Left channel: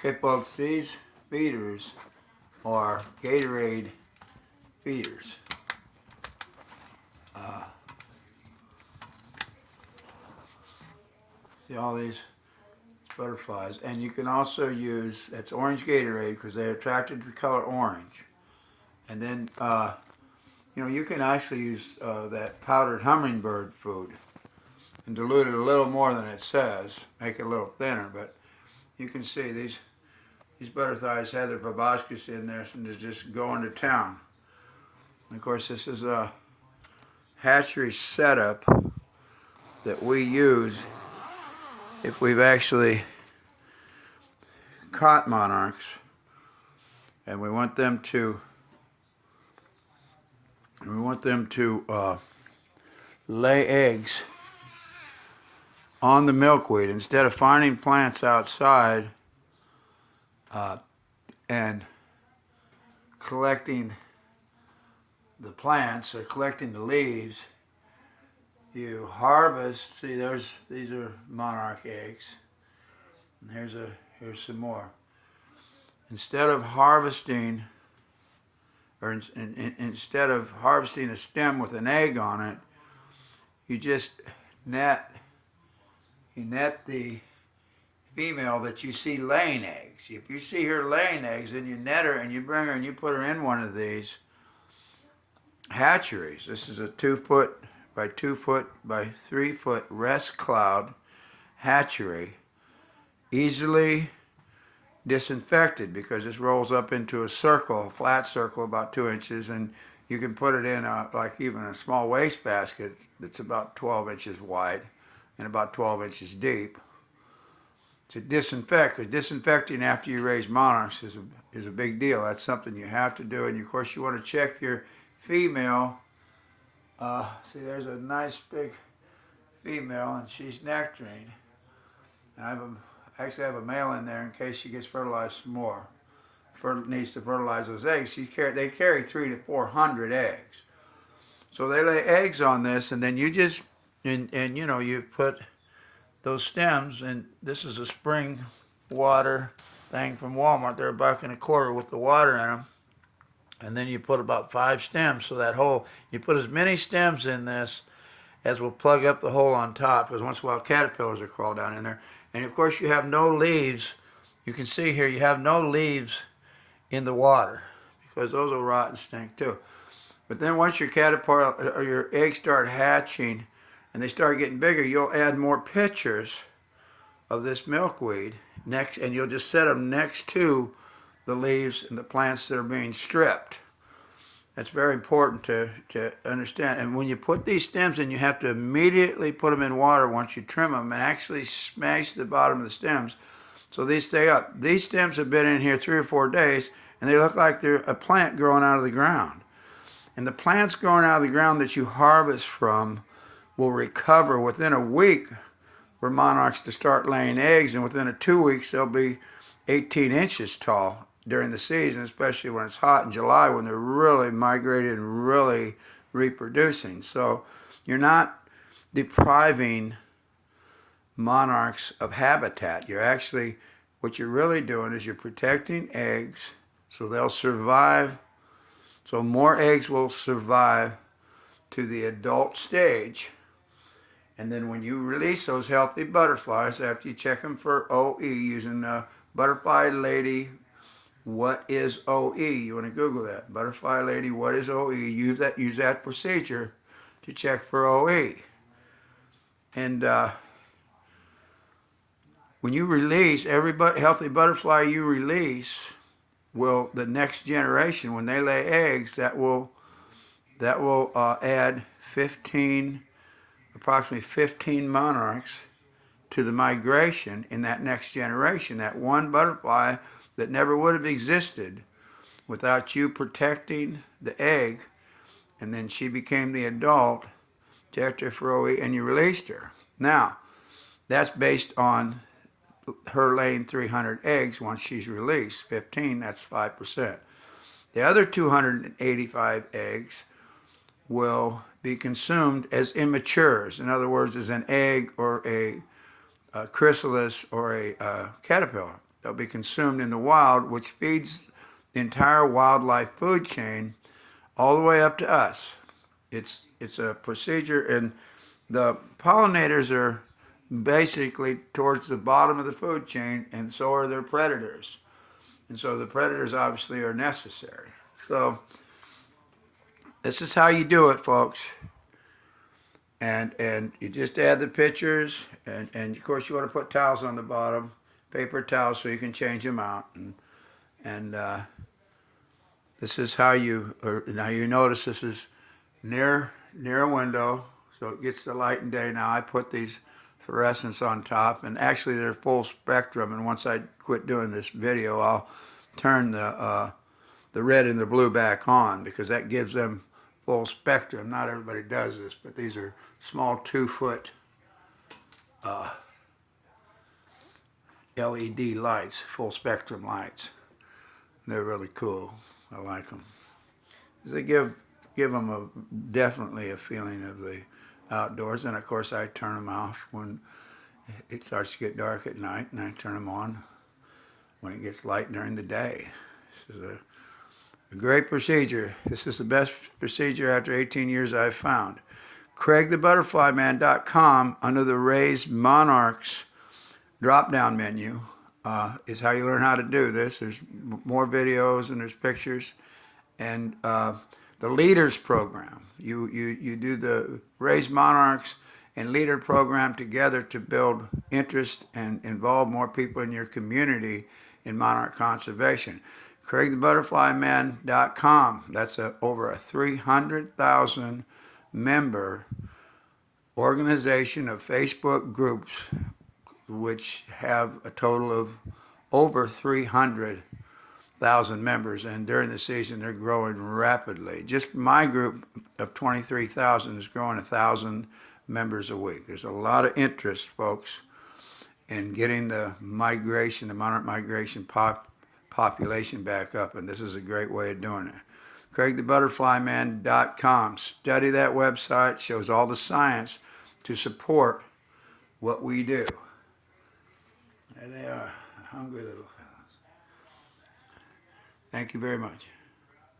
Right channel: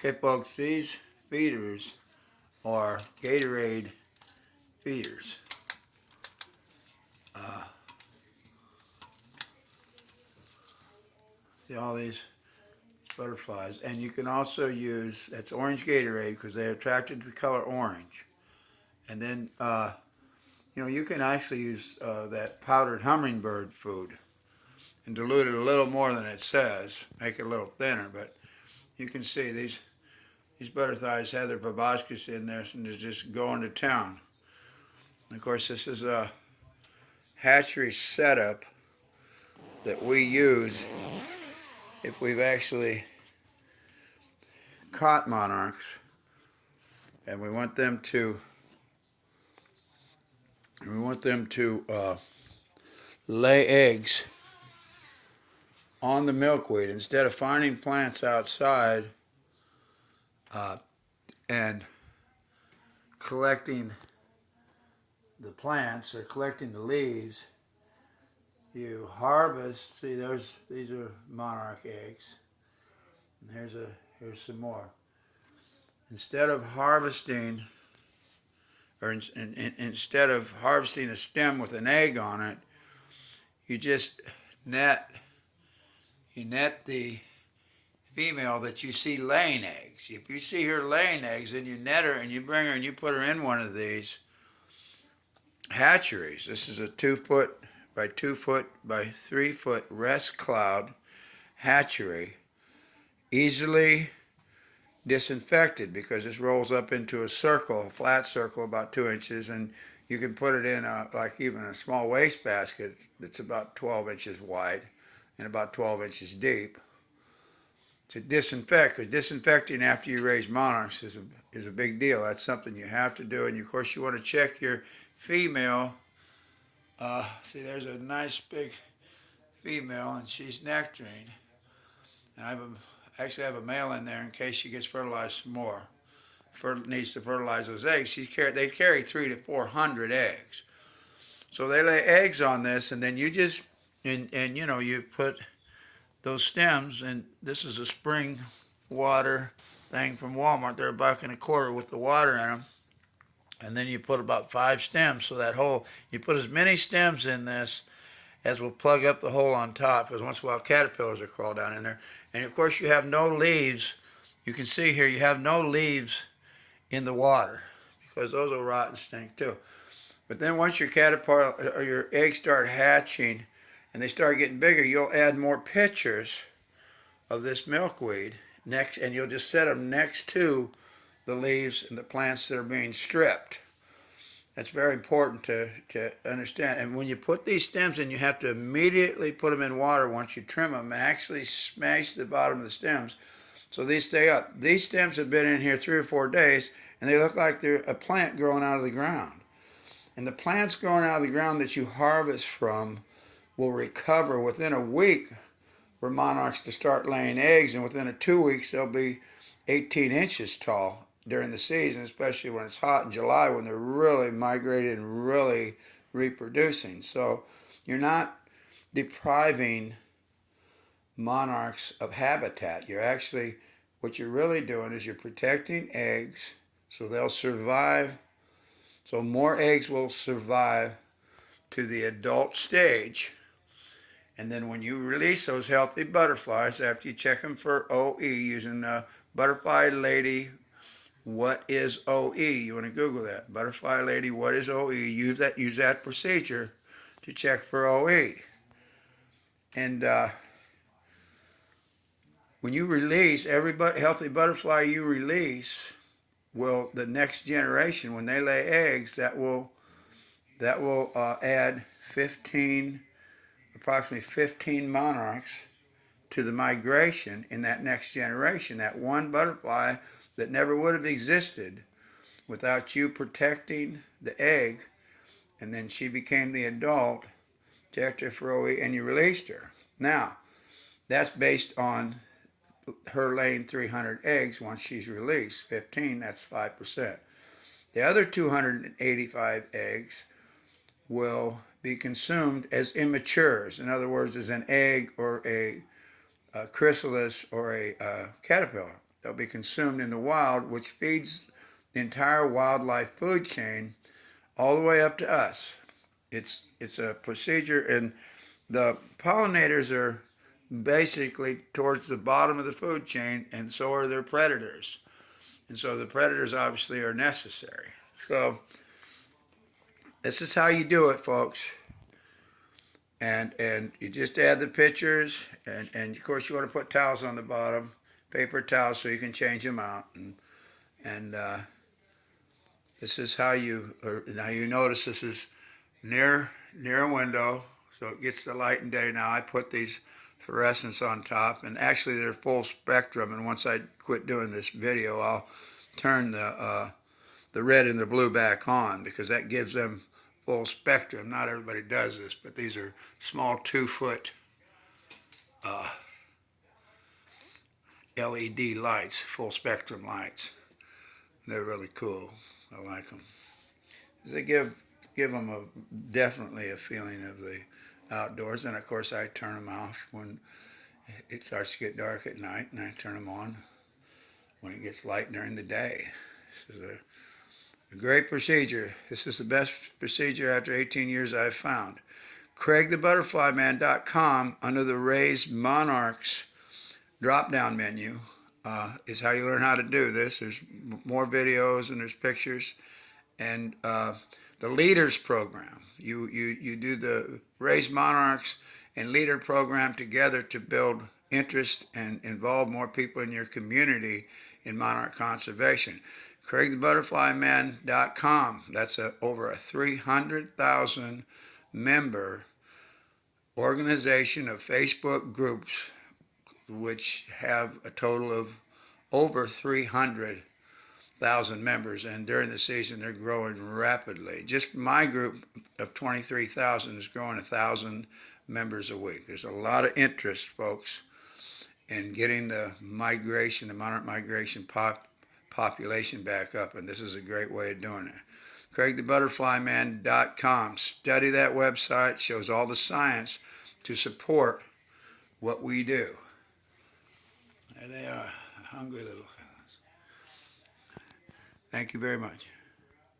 Okay, folks, these feeders are Gatorade feeders. See all these butterflies, and you can also use, it's orange Gatorade because they're attracted to the color orange. And then, you can actually use that powdered hummingbird food and dilute it a little more than it says, make it a little thinner. But you can see these butterflies have their proboscis in there, and they're just going to town. And of course, this is a hatchery setup that we use if we've actually caught monarchs and we want them to lay eggs on the milkweed instead of finding plants outside and collecting the plants or collecting the leaves. You harvest. See, these are monarch eggs. And here's some more. Instead of harvesting a stem with an egg on it, you just net the female that you see laying eggs. If you see her laying eggs, then you net her and you bring her and you put her in one of these hatcheries. This is a 2 foot by 2 foot by 3 foot rest cloud hatchery, easily disinfected because this rolls up into a circle, a flat circle about 2 inches, and you can put it in like even a small waste basket that's about 12 inches wide and about 12 inches deep to disinfect. Because disinfecting after you raise monarchs is a big deal. That's something you have to do, and of course you want to check your female. See, there's a nice big female, and she's nectaring. And I actually have a male in there in case she gets fertilized some more. Needs to fertilize those eggs. They carry 300 to 400 eggs. So they lay eggs on this, and then you just you put those stems, and this is a spring water thing from Walmart. They're $1.25 with the water in them. And then you put about 5 stems, so you put as many stems in this as will plug up the hole on top, because once in a while caterpillars will crawl down in there. And of course you have no leaves. You can see here you have no leaves in the water because those will rot and stink too. But then once your caterpillar or your eggs start hatching and they start getting bigger, you'll add more pitchers of this milkweed next, and you'll just set them next to the leaves and the plants that are being stripped. That's very important to understand. And when you put these stems in, you have to immediately put them in water once you trim them and actually smash the bottom of the stems so these stay up. These stems have been in here 3 or 4 days, and they look like they're a plant growing out of the ground. And the plants growing out of the ground that you harvest from will recover within a week for monarchs to start laying eggs, and within 2 weeks they'll be 18 inches tall during the season, especially when it's hot in July when they're really migrating and really reproducing. So you're not depriving monarchs of habitat. What you're really doing is you're protecting eggs so they'll survive, so more eggs will survive to the adult stage. And then when you release those healthy butterflies, after you check them for OE using the Butterfly Lady, what is OE? You want to Google that. Butterfly Lady, what is OE? Use that procedure to check for OE. And when you release every healthy butterfly you release, the next generation, when they lay eggs, that will add approximately 15 monarchs to the migration in that next generation. That one butterfly that never would have existed without you protecting the egg, and then she became the adult, checked her for OE, and you released her. Now, that's based on her laying 300 eggs once she's released. 15, that's 5%. The other 285 eggs will be consumed as immatures. In other words, as an egg or a chrysalis or a caterpillar. they'll be consumed in the wild, which feeds the entire wildlife food chain all the way up to us. It's a procedure, and the pollinators are basically towards the bottom of the food chain, and so are their predators. And so the predators obviously are necessary. So this is how you do it, folks. And you just add the pictures, and of course you want to put towels on the bottom, paper towels, so you can change them out. And this is how you. Now you notice this is near a window, so it gets the light and day. Now I put these fluorescents on top, and actually they're full spectrum. And once I quit doing this video, I'll turn the red and the blue back on, because that gives them full spectrum. Not everybody does this, but these are small 2-foot LED lights, full spectrum lights. They're really cool. I like them. They give them definitely a feeling of the outdoors. And of course I turn them off when it starts to get dark at night, and I turn them on when it gets light during the day. This is a great procedure. This is the best procedure after 18 years I've found. CraigTheButterflyMan.com, under the Raised Monarchs drop-down menu, is how you learn how to do this. There's more videos and there's pictures. And the Leaders Program. You do the Raised Monarchs and Leader Program together to build interest and involve more people in your community in monarch conservation. CraigTheButterflyMan.com. That's over a 300,000 member organization of Facebook groups, which have a total of over 300,000 members, and during the season they're growing rapidly. Just my group of 23,000 is growing 1,000 members a week. There's a lot of interest, folks, in getting the monarch migration population back up, and this is a great way of doing it. CraigTheButterflyMan.com. Study that website. It shows all the science to support what we do. There they are, hungry little fellows. Thank you very much.